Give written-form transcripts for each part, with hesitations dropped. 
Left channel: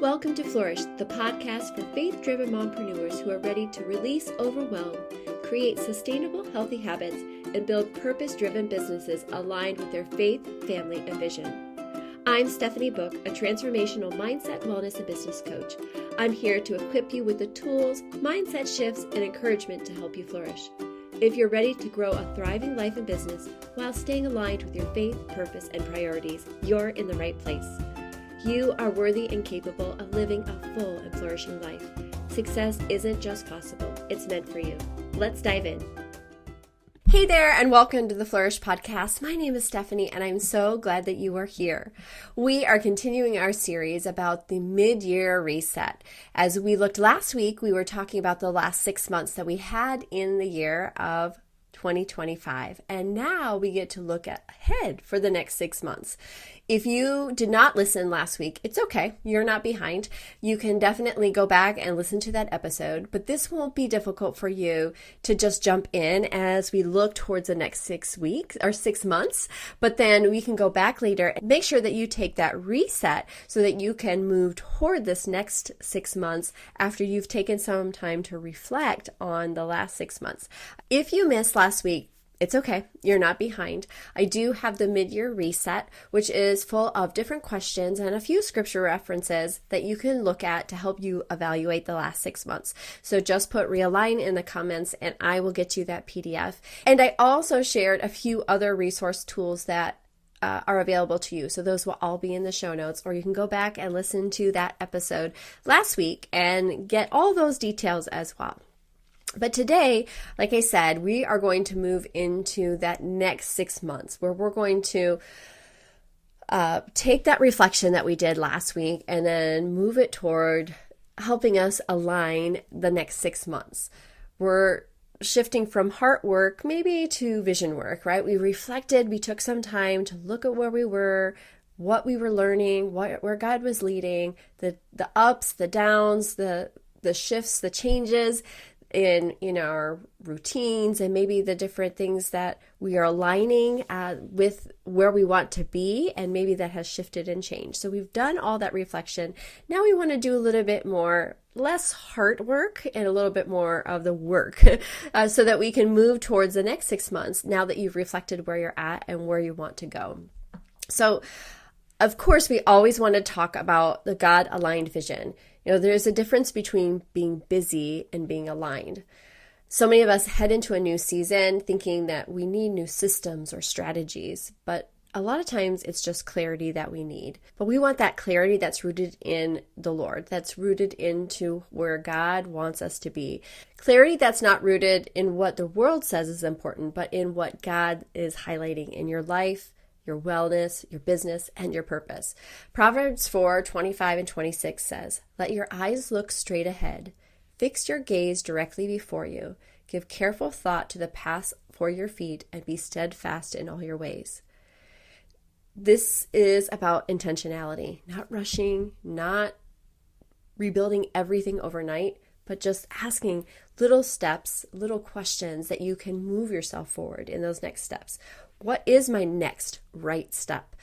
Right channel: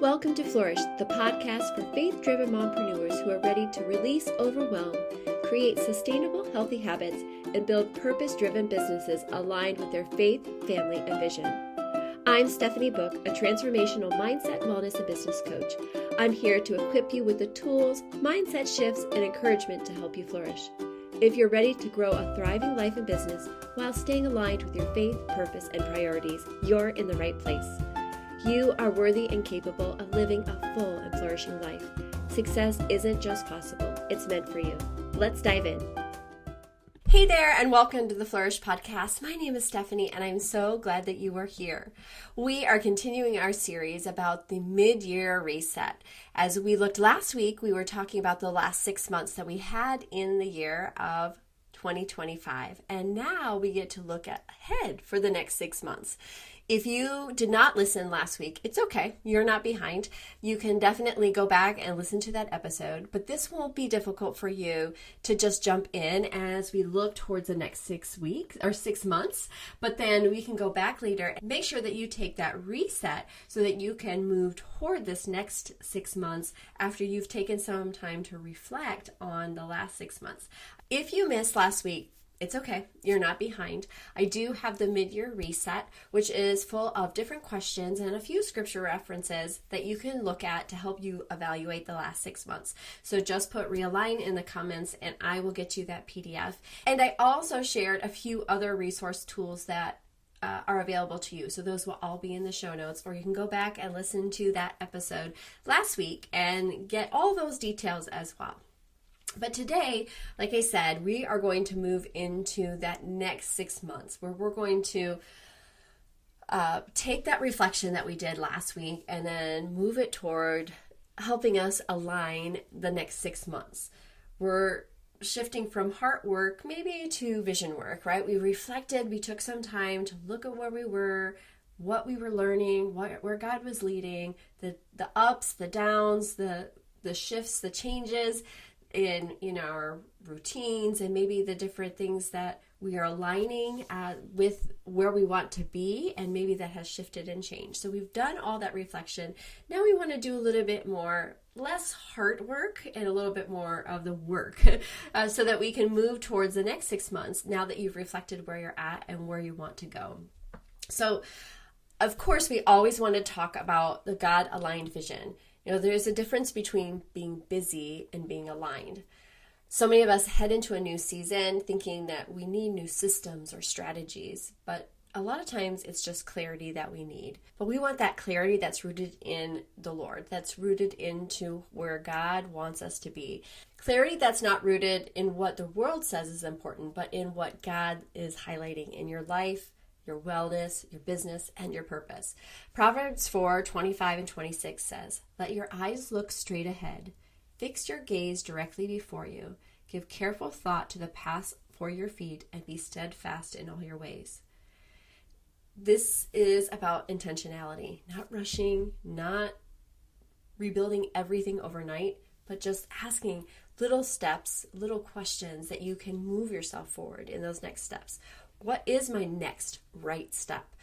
Welcome to Flourish, the podcast for faith-driven mompreneurs who are ready to release overwhelm, create sustainable, healthy habits, and build purpose-driven businesses aligned with their faith, family, and vision. I'm Stephanie Book, a transformational mindset, wellness, and business coach. I'm here to equip you with the tools, mindset shifts, and encouragement to help you flourish. If you're ready to grow a thriving life and business while staying aligned with your faith, purpose, and priorities, you're in the right place. You are worthy and capable of living a full and flourishing life. Success isn't just possible, it's meant for you. Let's dive in. Hey there, and welcome to the Flourish Podcast. My name is Stephanie, and I'm so glad that you are here. We are continuing our series about the mid-year reset. As we looked last week, we were talking about the last 6 months that we had in the year of 2025, and now we get to look ahead for the next 6 months. If you did not listen last week, it's okay. You're not behind. You can definitely go back and listen to that episode, but this won't be difficult for you to just jump in as we look towards the next 6 weeks or 6 months, but then we can go back later and make sure that you take that reset so that you can move toward this next 6 months after you've taken some time to reflect on the last 6 months. If you missed last week, it's okay. You're not behind. I do have the mid-year reset, which is full of different questions and a few scripture references that you can look at to help you evaluate the last 6 months. So just put realign in the comments and I will get you that PDF. And I also shared a few other resource tools that are available to you. So those will all be in the show notes, or you can go back and listen to that episode last week and get all those details as well. But today, like I said, we are going to move into that next 6 months where we're going to take that reflection that we did last week and then move it toward helping us align the next 6 months. We're shifting from heart work maybe to vision work, right? We reflected, we took some time to look at where we were, what we were learning, where God was leading, the ups, the downs, the shifts, the changes in our routines, and maybe the different things that we are aligning with where we want to be, and maybe that has shifted and changed. So we've done all that reflection. Now we want to do a little bit more, less heart work and a little bit more of the work so that we can move towards the next 6 months now that you've reflected where you're at and where you want to go. So of course, we always want to talk about the God-aligned vision. There's a difference between being busy and being aligned. So many of us head into a new season thinking that we need new systems or strategies, but a lot of times it's just clarity that we need. But we want that clarity that's rooted in the Lord, that's rooted into where God wants us to be. Clarity that's not rooted in what the world says is important, but in what God is highlighting in your life, your wellness, your business, and your purpose. Proverbs 4:25 and 26 says, "Let your eyes look straight ahead. Fix your gaze directly before you. Give careful thought to the path for your feet and be steadfast in all your ways." This is about intentionality, not rushing, not rebuilding everything overnight, but just asking little steps, little questions that you can move yourself forward in those next steps. What is my next right step?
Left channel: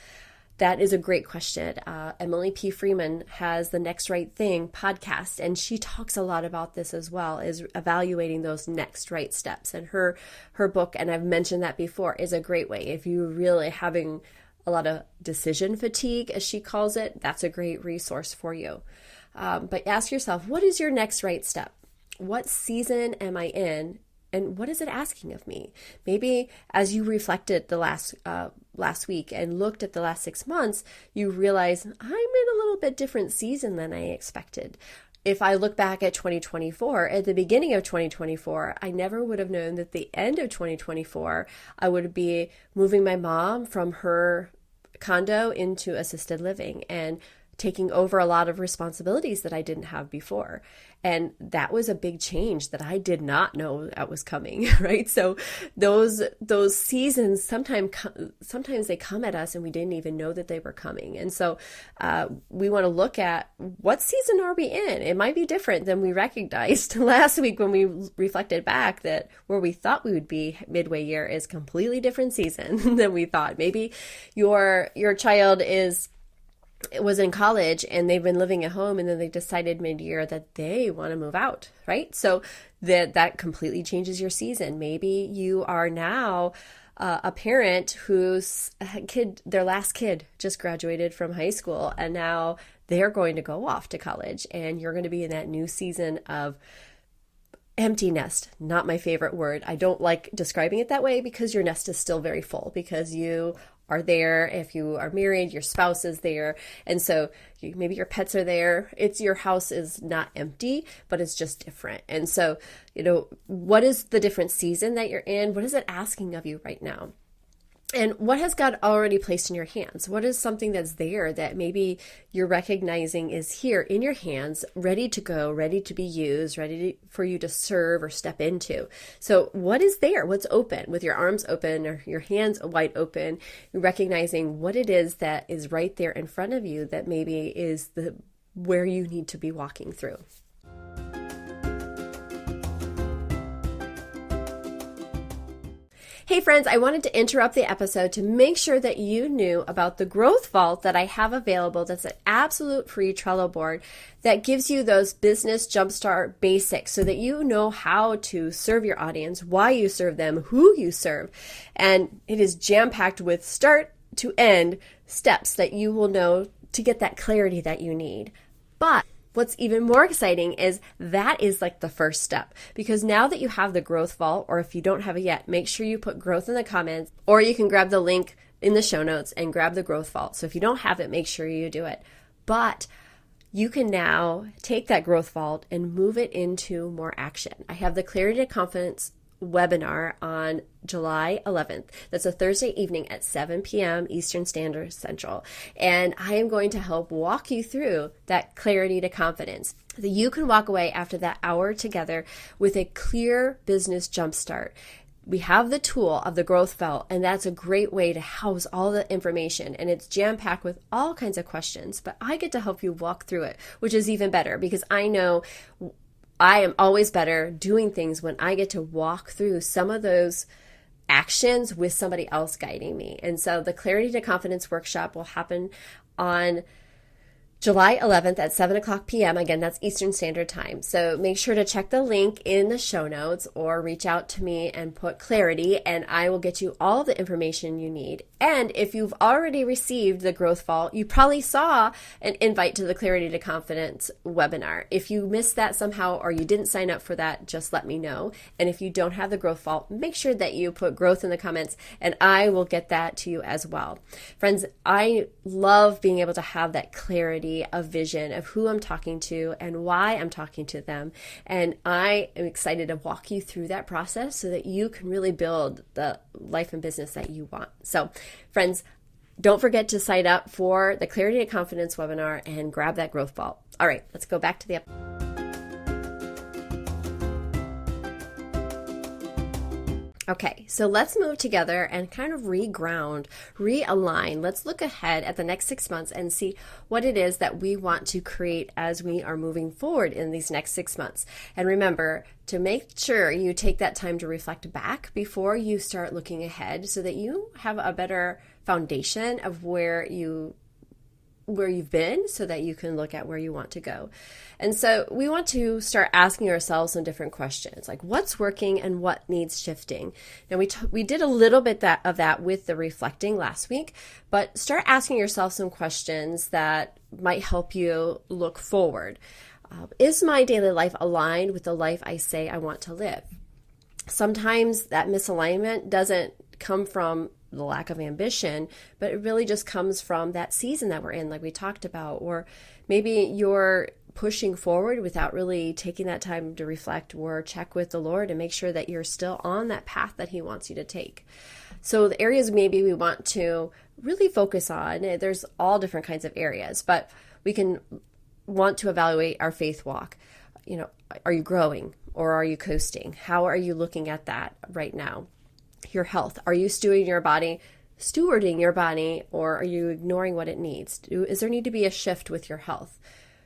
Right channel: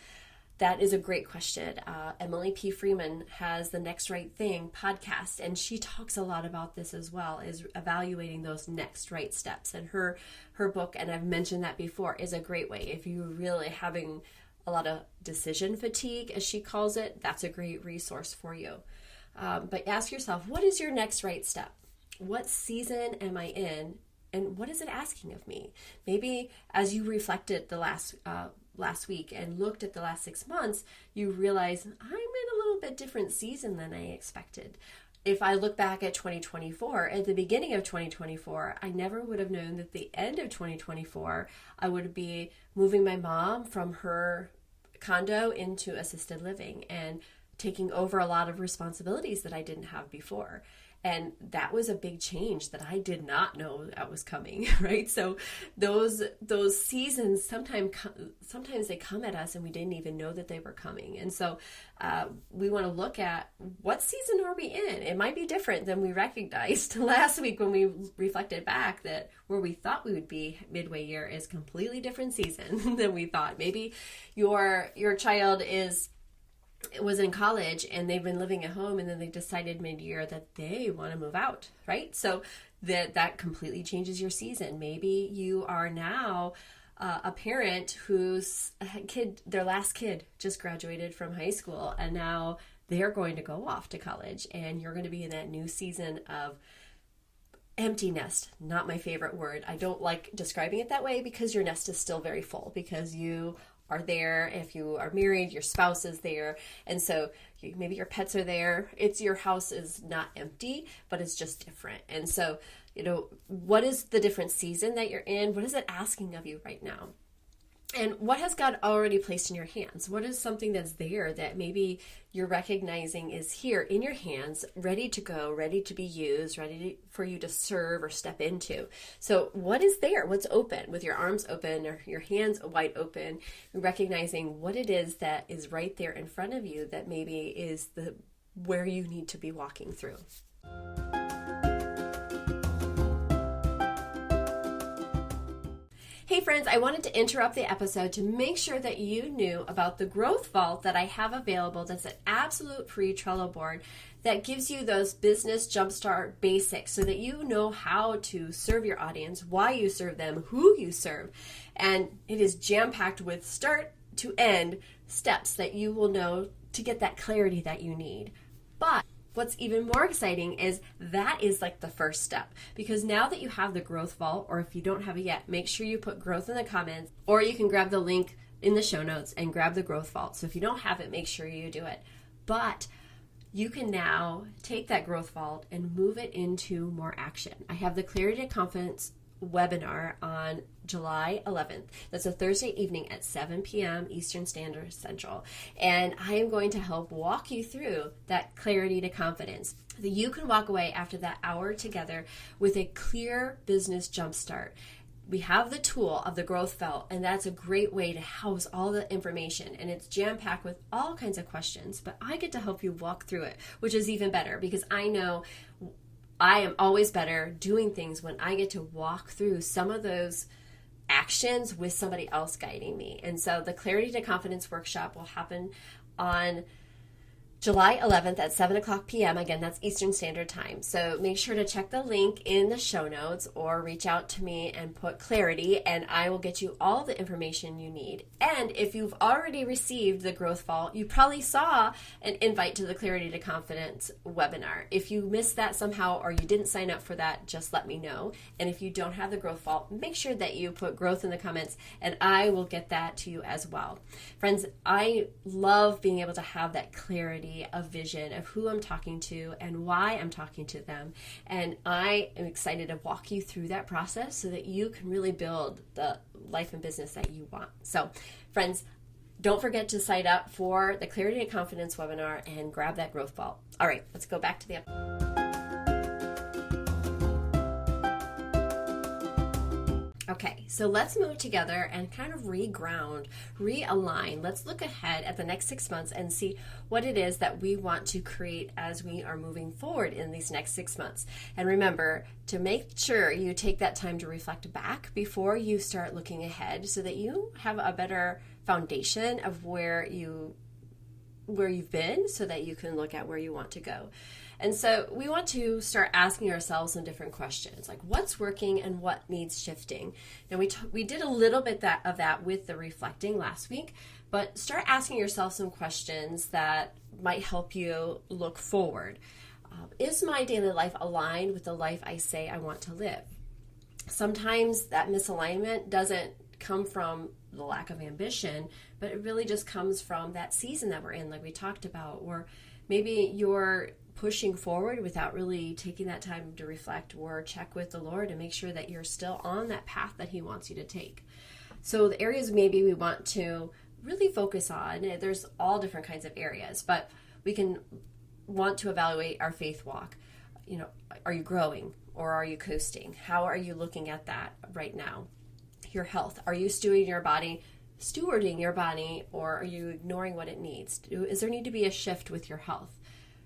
That is a great question. Emily P. Freeman has the Next Right Thing podcast, and she talks a lot about this as well, is evaluating those next right steps. And her book, and I've mentioned that before, is a great way. If you're really having a lot of decision fatigue, as she calls it, that's a great resource for you. But ask yourself, what is your next right step? What season am I in? And what is it asking of me? Maybe as you reflected the last week and looked at the last 6 months, you realize I'm in a little bit different season than I expected. If I look back at 2024, at the beginning of 2024, I never would have known that the end of 2024, I would be moving my mom from her condo into assisted living and taking over a lot of responsibilities that I didn't have before. And that was a big change that I did not know that was coming, right? So those seasons sometimes they come at us and we didn't even know that they were coming. And so we want to look at what season are we in? It might be different than we recognized last week when we reflected back that where we thought we would be midway year is completely different season than we thought. Maybe your child is was in college and they've been living at home, and then they decided mid-year that they want to move out, right? So that completely changes your season. Maybe you are now a parent whose their last kid just graduated from high school, and now they're going to go off to college, and you're going to be in that new season of empty nest. Not my favorite word. I don't like describing it that way, because your nest is still very full, because you are there. If you are married, your spouse is there. And so maybe your pets are there. Your house is not empty, but it's just different. And so, what is the different season that you're in? What is it asking of you right now? And what has God already placed in your hands? What is something that's there that maybe you're recognizing is here in your hands, ready to go, ready to be used, for you to serve or step into? So what is there? What's open? With your arms open or your hands wide open, recognizing what it is that is right there in front of you that maybe is where you need to be walking through. Hey friends, I wanted to interrupt the episode to make sure that you knew about the growth vault that I have available. That's an absolute free Trello board that gives you those business jumpstart basics so that you know how to serve your audience, why you serve them, who you serve. And it is jam-packed with start to end steps that you will know to get that clarity that you need. But what's even more exciting is that is like the first step, because now that you have the growth vault, or if you don't have it yet, make sure you put growth in the comments, or you can grab the link in the show notes and grab the growth vault. So if you don't have it, make sure you do it. But you can now take that growth vault and move it into more action. I have the Clarity to Confidence webinar on July 11th. That's a Thursday evening at 7 p.m. Eastern Standard Central. And I am going to help walk you through that clarity to confidence, that you can walk away after that hour together with a clear business jumpstart. We have the tool of the growth vault, and that's a great way to house all the information, and it's jam-packed with all kinds of questions, but I get to help you walk through it, which is even better, because I know I am always better doing things when I get to walk through some of those actions with somebody else guiding me. And so the Clarity to Confidence workshop will happen on July 11th at 7 o'clock p.m. Again, that's Eastern Standard Time. So make sure to check the link in the show notes or reach out to me and put clarity, and I will get you all the information you need. And if you've already received the Growth Vault, you probably saw an invite to the Clarity to Confidence webinar. If you missed that somehow or you didn't sign up for that, just let me know. And if you don't have the Growth Vault, make sure that you put growth in the comments, and I will get that to you as well. Friends, I love being able to have that clarity of vision of who I'm talking to and why I'm talking to them. And I am excited to walk you through that process so that you can really build the life and business that you want. So, friends, don't forget to sign up for the Clarity and Confidence webinar and grab that growth vault. All right, let's go back to the episode. Okay, so let's move together and kind of reground, realign. Let's look ahead at the next 6 months and see what it is that we want to create as we are moving forward in these next 6 months. And remember to make sure you take that time to reflect back before you start looking ahead so that you have a better foundation of where you've been so that you can look at where you want to go. And so we want to start asking ourselves some different questions, like what's working and what needs shifting. Now we did a little bit of that with the reflecting last week, but start asking yourself some questions that might help you look forward. Is my daily life aligned with the life I say I want to live? Sometimes that misalignment doesn't come from the lack of ambition, but it really just comes from that season that we're in, like we talked about, or maybe you're pushing forward without really taking that time to reflect or check with the Lord and make sure that you're still on that path that He wants you to take. So the areas maybe we want to really focus on, there's all different kinds of areas, but we can want to evaluate our faith walk. Are you growing or are you coasting? How are you looking at that right now? Your health. Are you stewarding your body, or are you ignoring what it needs? Is there need to be a shift with your health?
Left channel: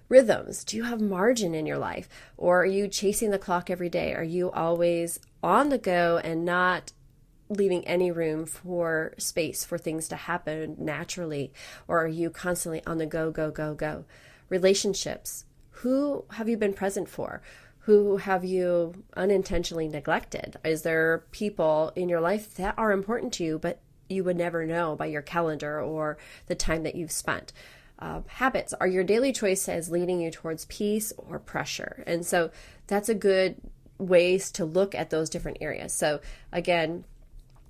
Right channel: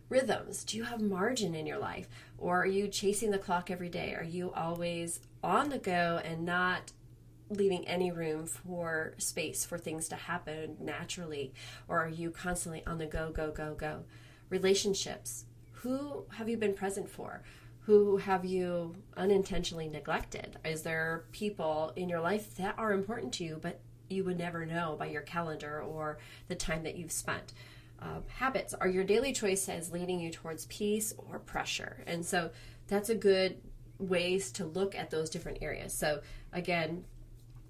Rhythms. Do you have margin in your life, or are you chasing the clock every day? Are you always on the go and not leaving any room for space for things to happen naturally? Or are you constantly on the go, go, go, go? Relationships. Who have you been present for? Who have you unintentionally neglected? Is there people in your life that are important to you, but you would never know by your calendar or the time that you've spent? Habits. Are your daily choices leading you towards peace or pressure? And so that's a good ways to look at those different areas. So again,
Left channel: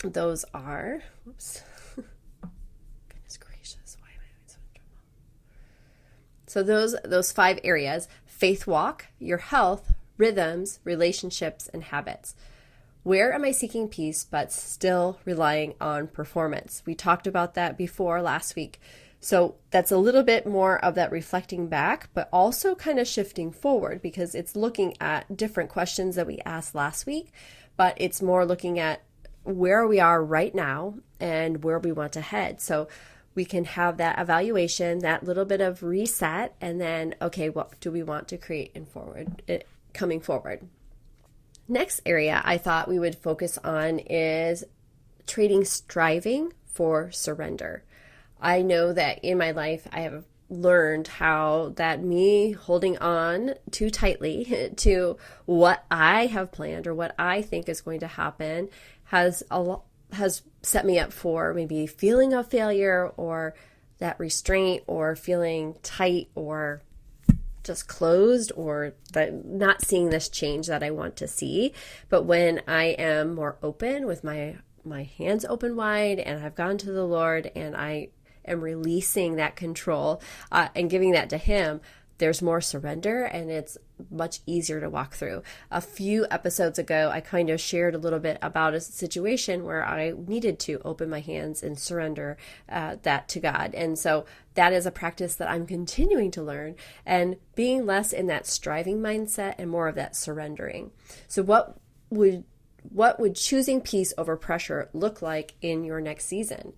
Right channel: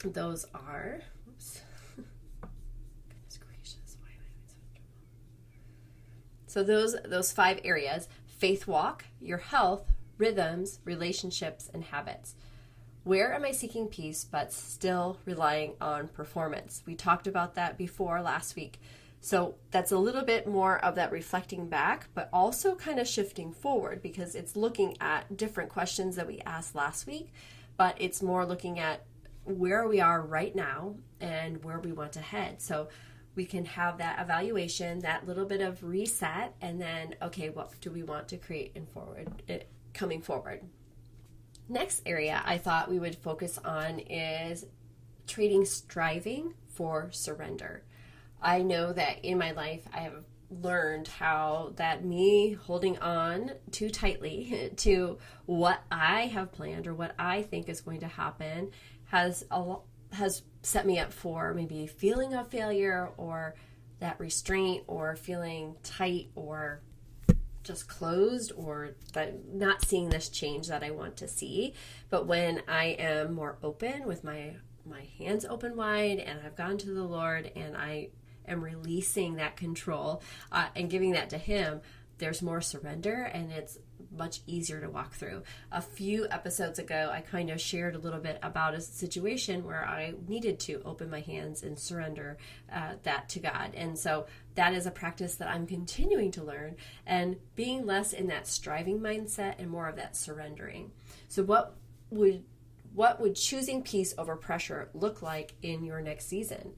those are, oops, goodness gracious, why am I having so much trouble? So those 5 areas: faith walk, your health, rhythms, relationships, and habits. Where am I seeking peace but still relying on performance? We talked about that before last week. So that's a little bit more of that reflecting back, but also kind of shifting forward, because it's looking at different questions that we asked last week, but it's more looking at where we are right now and where we want to head. So we can have that evaluation, that little bit of reset, and then, okay, what do we want to create coming forward? Next area I thought we would focus on is trading striving for surrender. I know that in my life I have learned how that me holding on too tightly to what I have planned or what I think is going to happen has set me up for maybe feeling of failure, or that restraint, or feeling tight or just closed, or that not seeing this change that I want to see. But when I am more open, with my hands open wide, and I've gone to the Lord and I am releasing that control and giving that to Him, there's more surrender, and it's much easier to walk through. A few episodes ago, I kind of shared a little bit about a situation where I needed to open my hands and surrender that to God. And so that is a practice that I'm continuing to learn, and being less in that striving mindset and more of that surrendering. So what would choosing peace over pressure look like in your next season?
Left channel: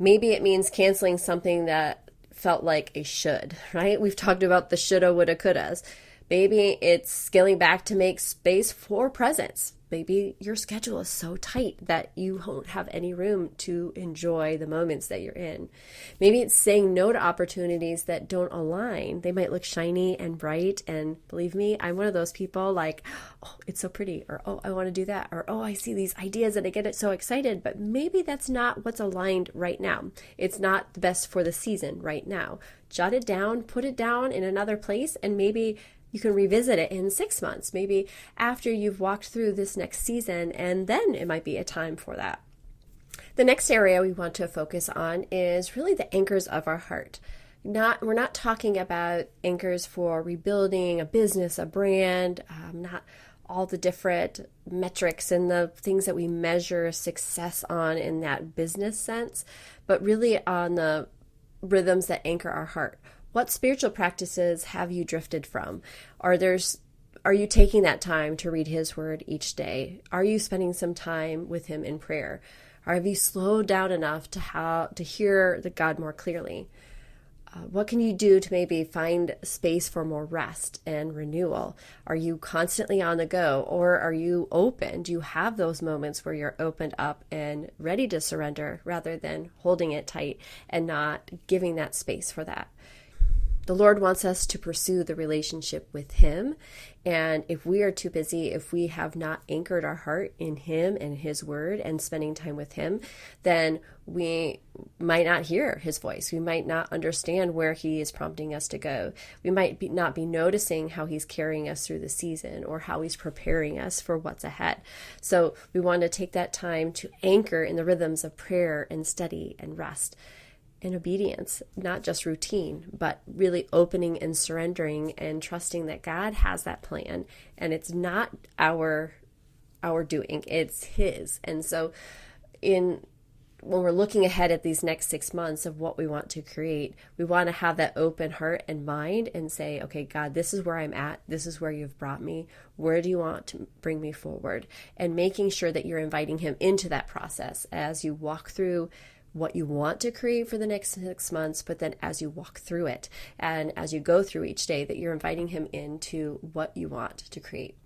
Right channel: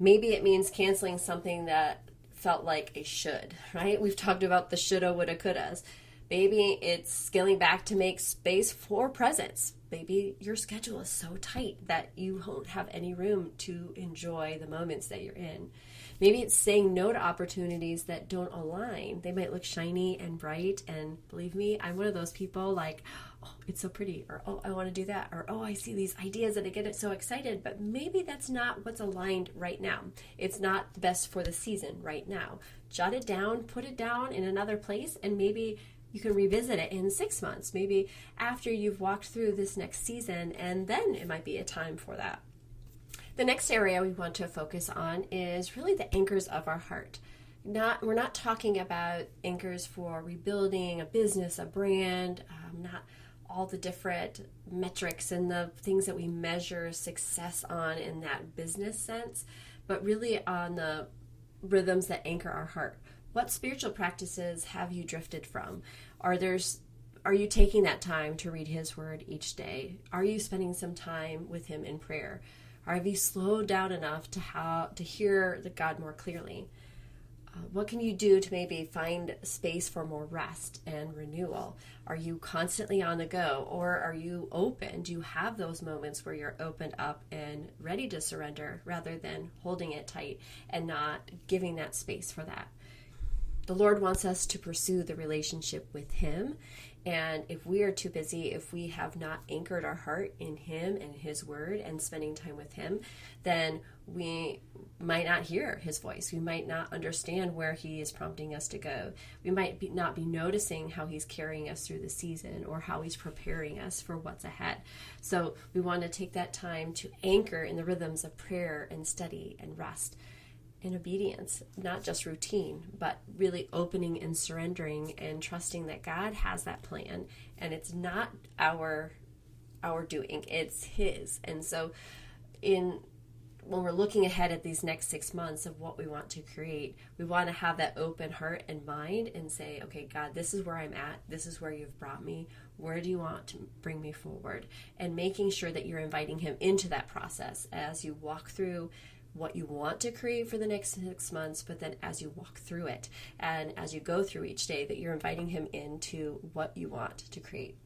Maybe it means canceling something that felt like a should, right? We've talked about the shoulda, woulda, couldas. Maybe it's scaling back to make space for presence. Maybe your schedule is so tight that you won't have any room to enjoy the moments that you're in. Maybe it's saying no to opportunities that don't align. They might look shiny and bright, and believe me, I'm one of those people like, oh, it's so pretty, or oh, I want to do that, or oh, I see these ideas and I get it so excited, but maybe that's not what's aligned right now. It's not the best for the season right now. Jot it down, put it down in another place, and maybe you can revisit it in 6 months, maybe after you've walked through this next season, and then it might be a time for that. The next area we want to focus on is really the anchors of our heart. We're not talking about anchors for rebuilding a business, a brand, not all the different metrics and the things that we measure success on in that business sense, but really on the rhythms that anchor our heart. What spiritual practices have you drifted from? Are you taking that time to read His Word each day? Are you spending some time with Him in prayer? Or have you slowed down enough to hear the God more clearly? What can you do to maybe find space for more rest and renewal? Are you constantly on the go, or are you open? Do you have those moments where you're opened up and ready to surrender rather than holding it tight and not giving that space for that? The Lord wants us to pursue the relationship with Him. And if we are too busy, if we have not anchored our heart in Him and His Word and spending time with Him, then we might not hear His voice. We might not understand where He is prompting us to go. We might not be noticing how He's carrying us through the season, or how He's preparing us for what's ahead. So we want to take that time to anchor in the rhythms of prayer and study and rest and obedience, not just routine, but really opening and surrendering and trusting that God has that plan, and it's not our doing, it's His. And so when we're looking ahead at these next 6 months of what we want to create, we want to have that open heart and mind and say, okay, God, this is where I'm at. This is where you've brought me. Where do you want to bring me forward? And making sure that you're inviting Him into that process as you walk through what you want to create for the next 6 months, but then as you walk through it and as you go through each day, that you're inviting Him into what you want to create.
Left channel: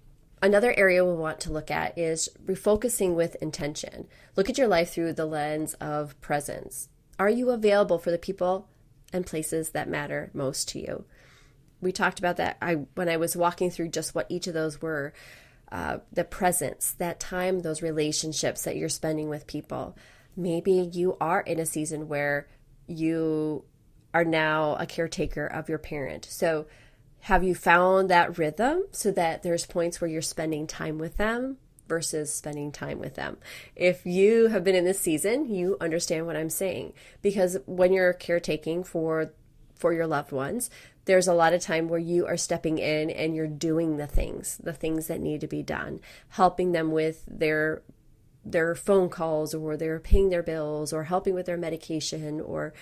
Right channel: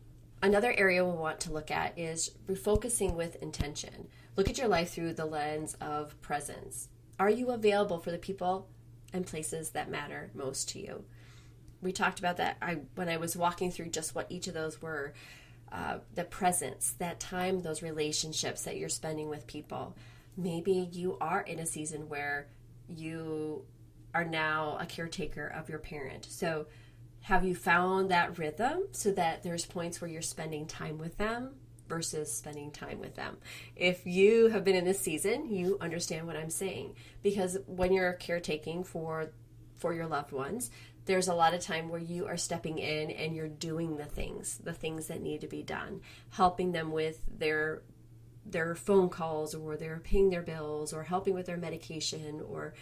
Another area we want to look at is refocusing with intention. Look at your life through the lens of presence. Are you available for the people and places that matter most to you? We talked about that when I was walking through just what each of those were. The presence, that time, those relationships that you're spending with people. Maybe you are in a season where you are now a caretaker of your parent. So have you found that rhythm so that there's points where you're spending time with them versus spending time with them? If you have been in this season, you understand what I'm saying. Because when you're caretaking for your loved ones, there's a lot of time where you are stepping in and you're doing the things that need to be done, helping them with their phone calls, or they're paying their bills, or helping with their medication, or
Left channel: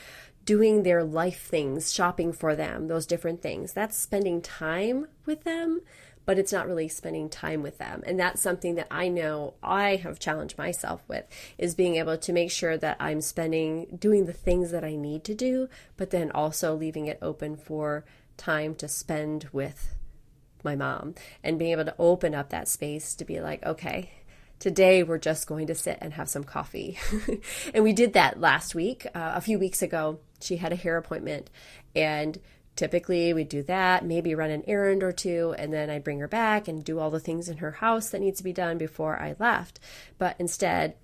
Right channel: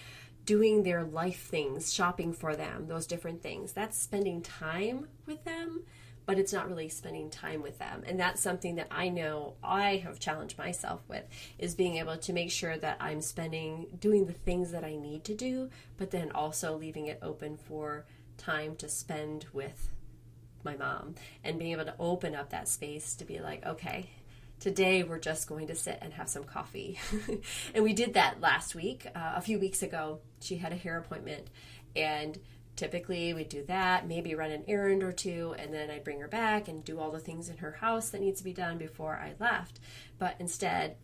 doing their life things, shopping for them, those different things. That's spending time with them, but it's not really spending time with them. And that's something that I know I have challenged myself with, is being able to make sure that I'm doing the things that I need to do, but then also leaving it open for time to spend with my mom, and being able to open up that space to be like, okay, today we're just going to sit and have some coffee. And we did that last week. A few weeks ago, she had a hair appointment, and typically we do that, maybe run an errand or two, and then I bring her back and do all the things in her house that needs to be done before I left. But instead,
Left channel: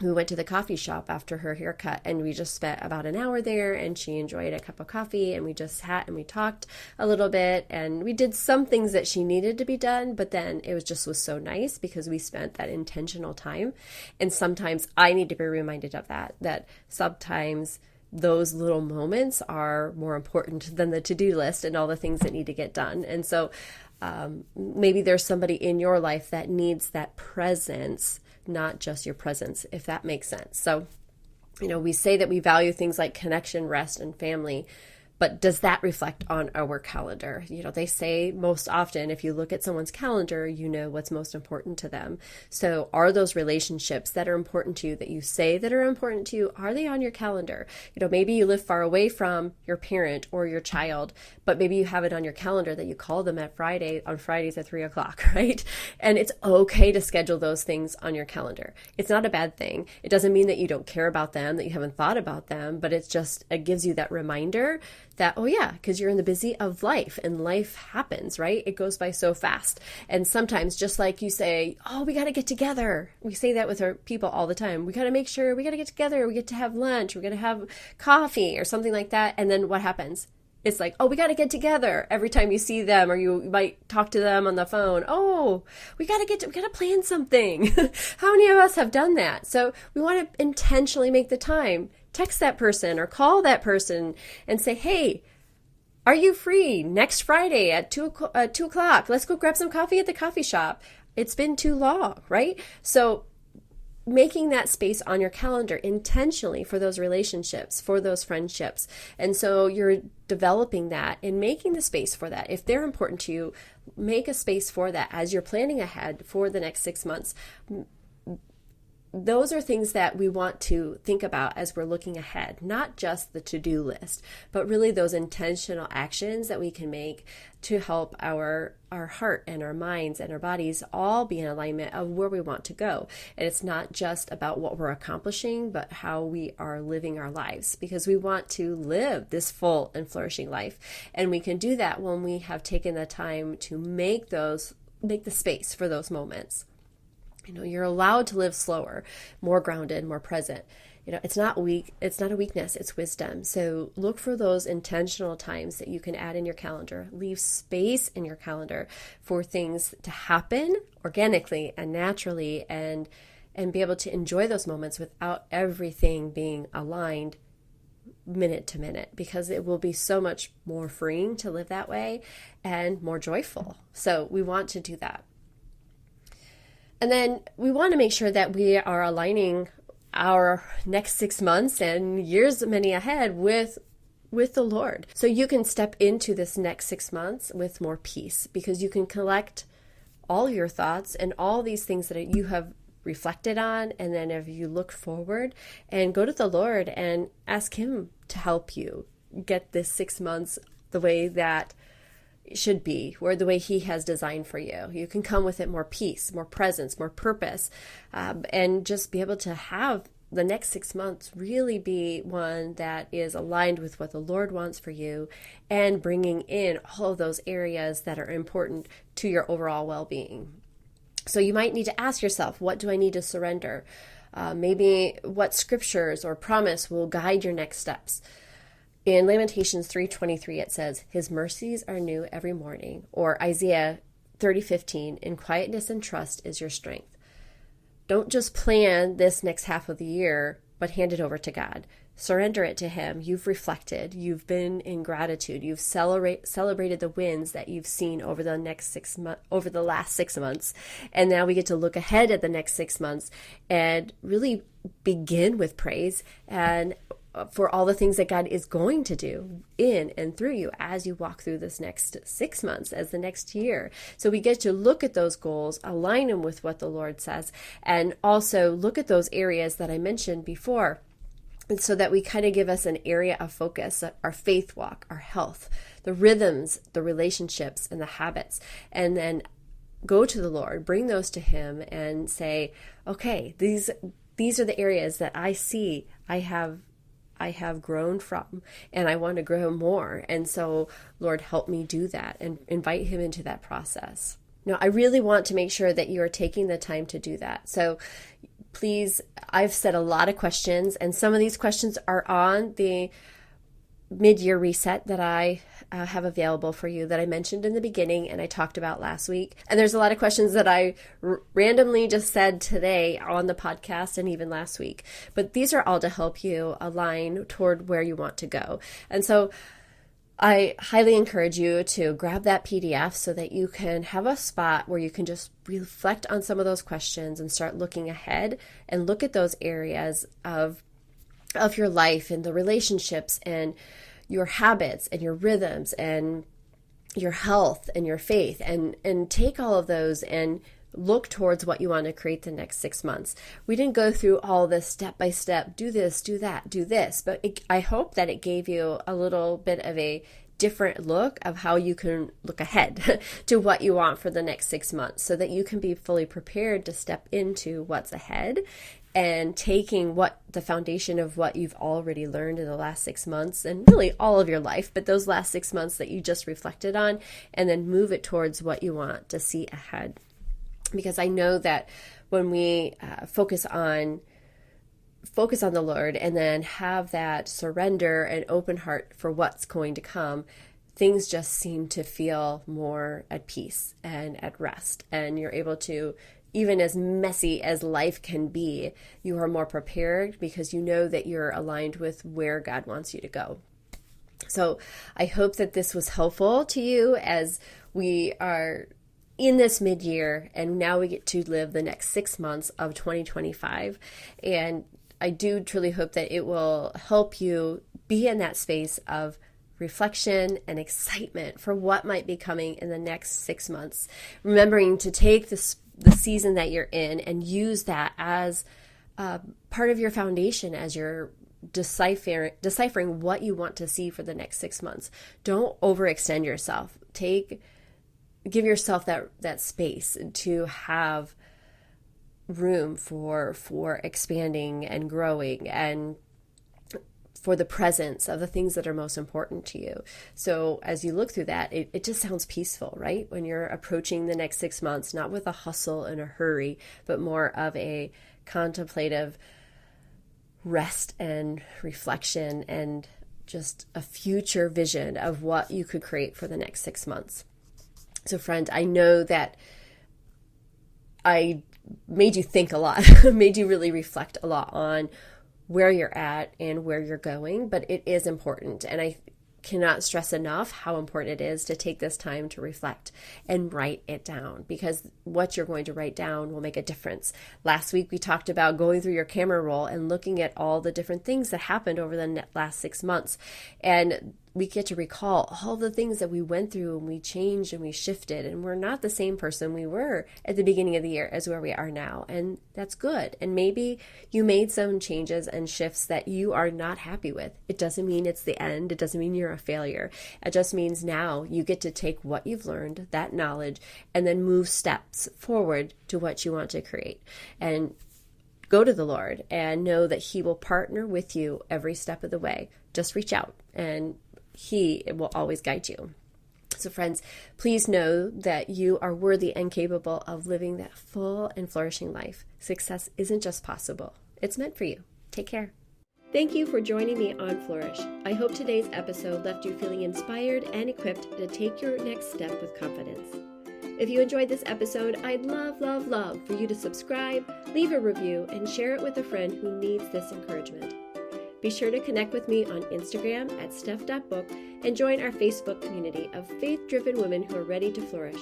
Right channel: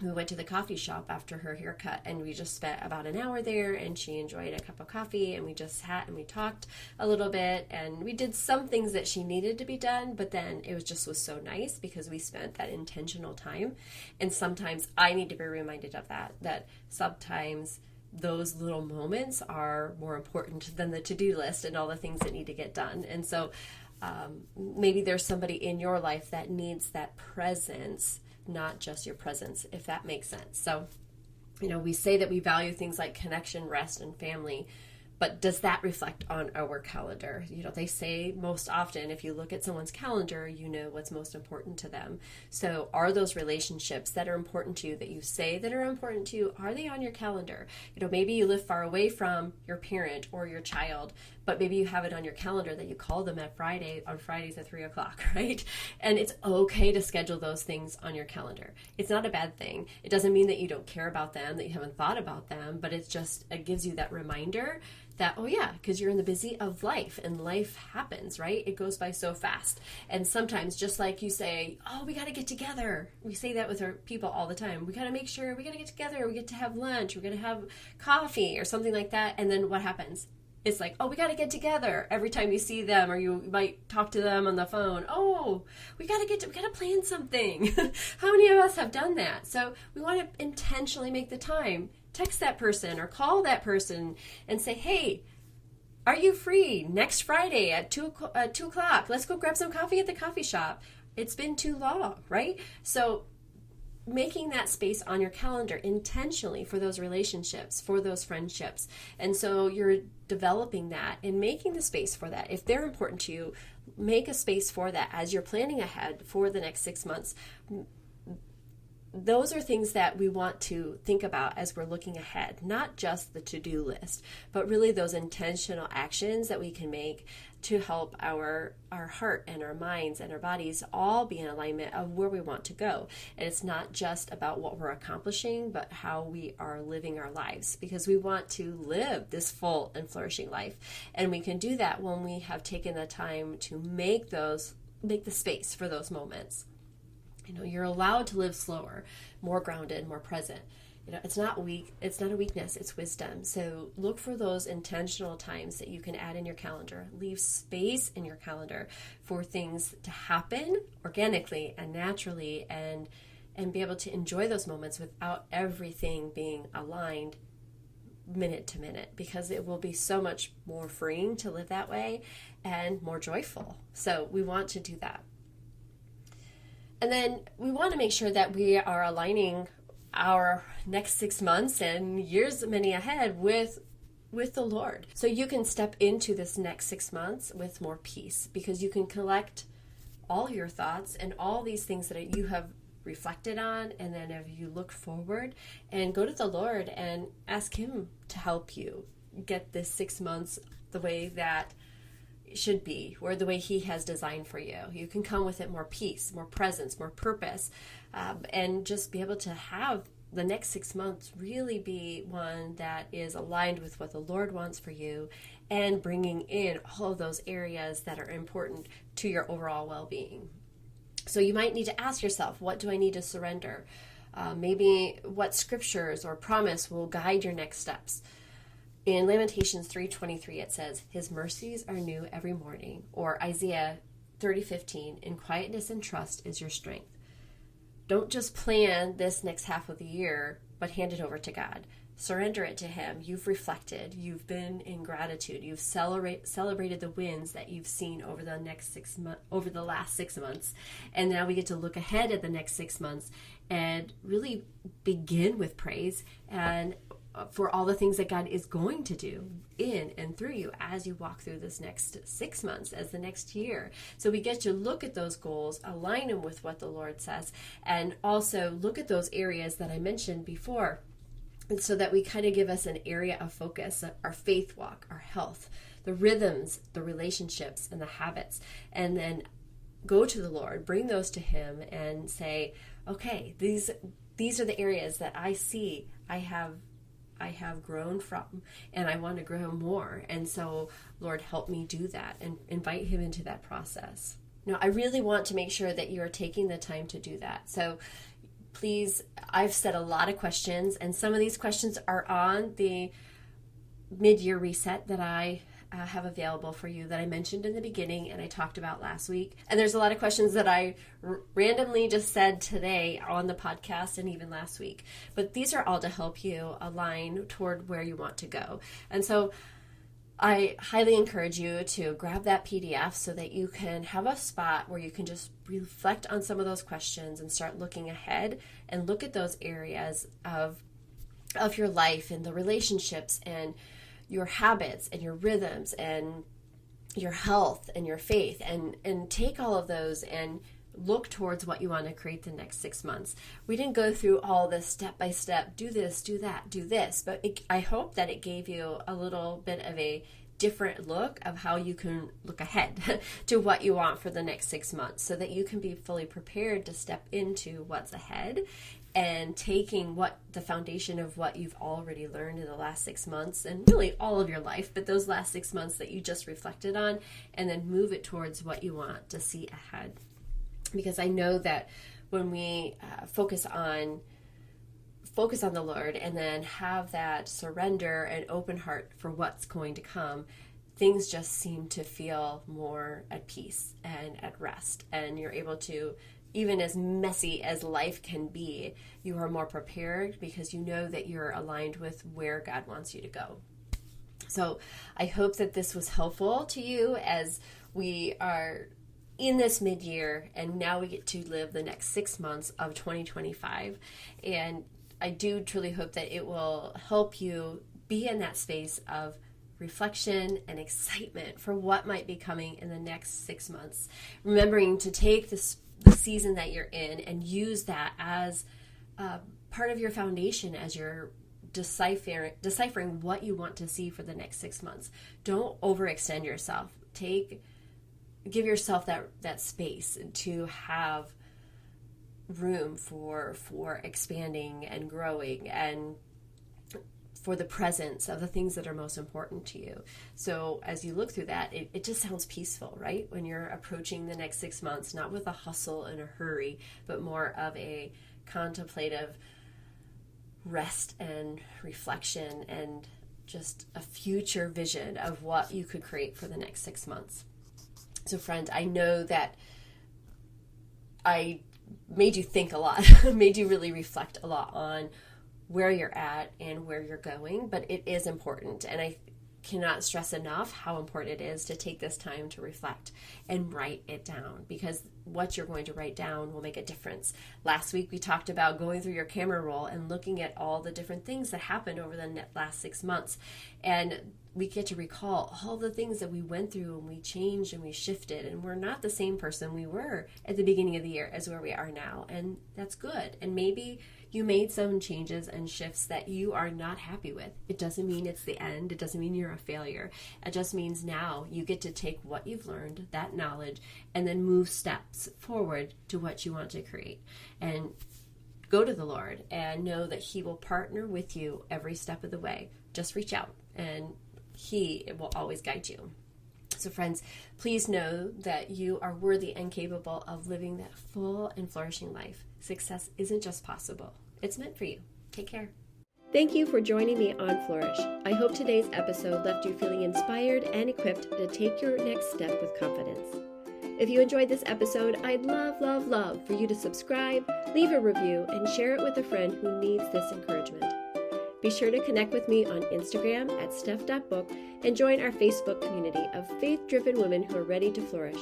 we went to the coffee shop after her haircut, and we just spent about an hour there, and she enjoyed a cup of coffee, and we just sat and we talked a little bit, and we did some things that she needed to be done, but then it was so nice because we spent that intentional time. And sometimes I need to be reminded of that sometimes those little moments are more important than the to-do list and all the things that need to get done. And so maybe there's somebody in your life that needs that presence, not just your presence, if that makes sense. So, we say that we value things like connection, rest, and family, but does that reflect on our calendar? They say most often, if you look at someone's calendar, you know what's most important to them. So are those relationships that are important to you, that you say that are important to you, are they on your calendar? Maybe you live far away from your parent or your child, but maybe you have it on your calendar that you call them on Fridays at 3:00, right? And it's okay to schedule those things on your calendar. It's not a bad thing. It doesn't mean that you don't care about them, that you haven't thought about them, but it gives you that reminder that, oh yeah, because you're in the busy of life, and life happens, right? It goes by so fast. And sometimes, just like you say, oh, we got to get together. We say that with our people all the time. We got to make sure we got to get together. We get to have lunch. We're going to have coffee or something like that. And then what happens? It's like, oh, we got to get together every time you see them, or you might talk to them on the phone. Oh, we got to plan something. How many of us have done that? So we want to intentionally make the time. Text that person or call that person and say, hey, are you free next Friday at 2 o'clock? Let's go grab some coffee at the coffee shop. It's been too long, right? So making that space on your calendar intentionally for those relationships, for those friendships. And so you're developing that and making the space for that. If they're important to you, make a space for that as you're planning ahead for the next 6 months. Those are things that we want to think about as we're looking ahead, not just the to-do list, but really those intentional actions that we can make to help our heart and our minds and our bodies all be in alignment of where we want to go. And it's not just about what we're accomplishing, but how we are living our lives, because we want to live this full and flourishing life. And we can do that when we have taken the time to make the space for those moments. You're allowed to live slower, more grounded, more present. It's not a weakness, it's wisdom. So look for those intentional times that you can add in your calendar. Leave space in your calendar for things to happen organically and naturally, and be able to enjoy those moments without everything being aligned minute to minute, because it will be so much more freeing to live that way and more joyful. So we want to do that. And then we want to make sure that we are aligning our next 6 months and years many ahead with the Lord. So you can step into this next 6 months with more peace, because you can collect all your thoughts and all these things that you have reflected on. And then if you look forward and go to the Lord and ask Him to help you get this 6 months the way that should be, or the way He has designed for you. You can come with it more peace, more presence, more purpose, and just be able to have the next 6 months really be one that is aligned with what the Lord wants for you, and bringing in all of those areas that are important to your overall well-being. So you might need to ask yourself, what do I need to surrender? Maybe what scriptures or promise will guide your next steps. In Lamentations 3:23, it says, His mercies are new every morning. Or Isaiah 30:15, in quietness and trust is your strength. Don't just plan this next half of the year, but hand it over to God. Surrender it to Him. You've reflected. You've been in gratitude. You've celebrated the wins that you've seen over the last 6 months. And now we get to look ahead at the next 6 months and really begin with praise and for all the things that God is going to do in and through you as you walk through this next 6 months, as the next year. So we get to look at those goals, align them with what the Lord says, and also look at those areas that I mentioned before, and so that we kind of give us an area of focus, our faith walk, our health, the rhythms, the relationships, and the habits, and then go to the Lord, bring those to Him, and say, okay, these are the areas that I see I have grown from, and I want to grow more. And so, Lord, help me do that, and invite Him into that process. Now, I really want to make sure that you are taking the time to do that. So please, I've said a lot of questions, and some of these questions are on the mid-year reset that I have available for you, that I mentioned in the beginning and I talked about last week. And there's a lot of questions that I randomly just said today on the podcast and even last week. But these are all to help you align toward where you want to go. And so I highly encourage you to grab that PDF so that you can have a spot where you can just reflect on some of those questions and start looking ahead and look at those areas of your life and the relationships and your habits and your rhythms and your health and your faith, and take all of those and look towards what you want to create the next 6 months. We didn't go through all this step by step, do this, do that, do this, but I hope that it gave you a little bit of a different look of how you can look ahead to what you want for the next 6 months, so that you can be fully prepared to step into what's ahead, and taking the foundation of what you've already learned in the last 6 months, and really all of your life, but those last 6 months that you just reflected on, and then move it towards what you want to see ahead. Because I know that when we focus on the Lord, and then have that surrender and open heart for what's going to come, things just seem to feel more at peace and at rest. And you're able to, even as messy as life can be, you are more prepared because you know that you're aligned with where God wants you to go. So I hope that this was helpful to you as we are in this mid-year, and now we get to live the next 6 months of 2025. And I do truly hope that it will help you be in that space of reflection and excitement for what might be coming in the next 6 months. Remembering to take the season that you're in and use that as part of your foundation as you're deciphering what you want to see for the next 6 months. Don't overextend yourself. Give yourself that space to have room for expanding and growing, and for the presence of the things that are most important to you. So as you look through that, it just sounds peaceful, right? When you're approaching the next 6 months, not with a hustle and a hurry, but more of a contemplative rest and reflection, and just a future vision of what you could create for the next 6 months. So friend, I know that I made you think a lot, made you really reflect a lot on where you're at and where you're going, but it is important. And I cannot stress enough how important it is to take this time to reflect and write it down, because what you're going to write down will make a difference. Last week, we talked about going through your camera roll and looking at all the different things that happened over the last 6 months. And we get to recall all the things that we went through and we changed and we shifted, and we're not the same person we were at the beginning of the year as where we are now. And that's good. And maybe you made some changes and shifts that you are not happy with. It doesn't mean it's the end. It doesn't mean you're a failure. It just means now you get to take what you've learned, that knowledge, and then move steps forward to what you want to create. And go to the Lord and know that He will partner with you every step of the way. Just reach out and He will always guide you. So friends, please know that you are worthy and capable of living that full and flourishing life. Success isn't just possible. It's meant for you. Take care. Thank you for joining me on Flourish. I hope today's episode left you feeling inspired and equipped to take your next step with confidence. If you enjoyed this episode, I'd love for you to subscribe, leave a review, and share it with a friend who needs this encouragement. Be sure to connect with me on Instagram at steph.book and join our Facebook community of faith-driven women who are ready to flourish.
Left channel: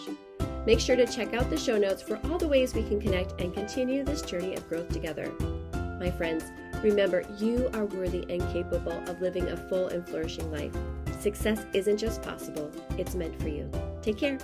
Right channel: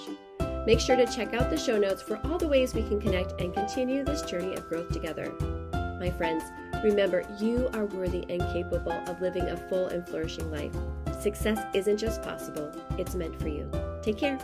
Make sure to check out the show notes for all the ways we can connect and continue this journey of growth together. My friends, remember, you are worthy and capable of living a full and flourishing life. Success isn't just possible, it's meant for you. Take care.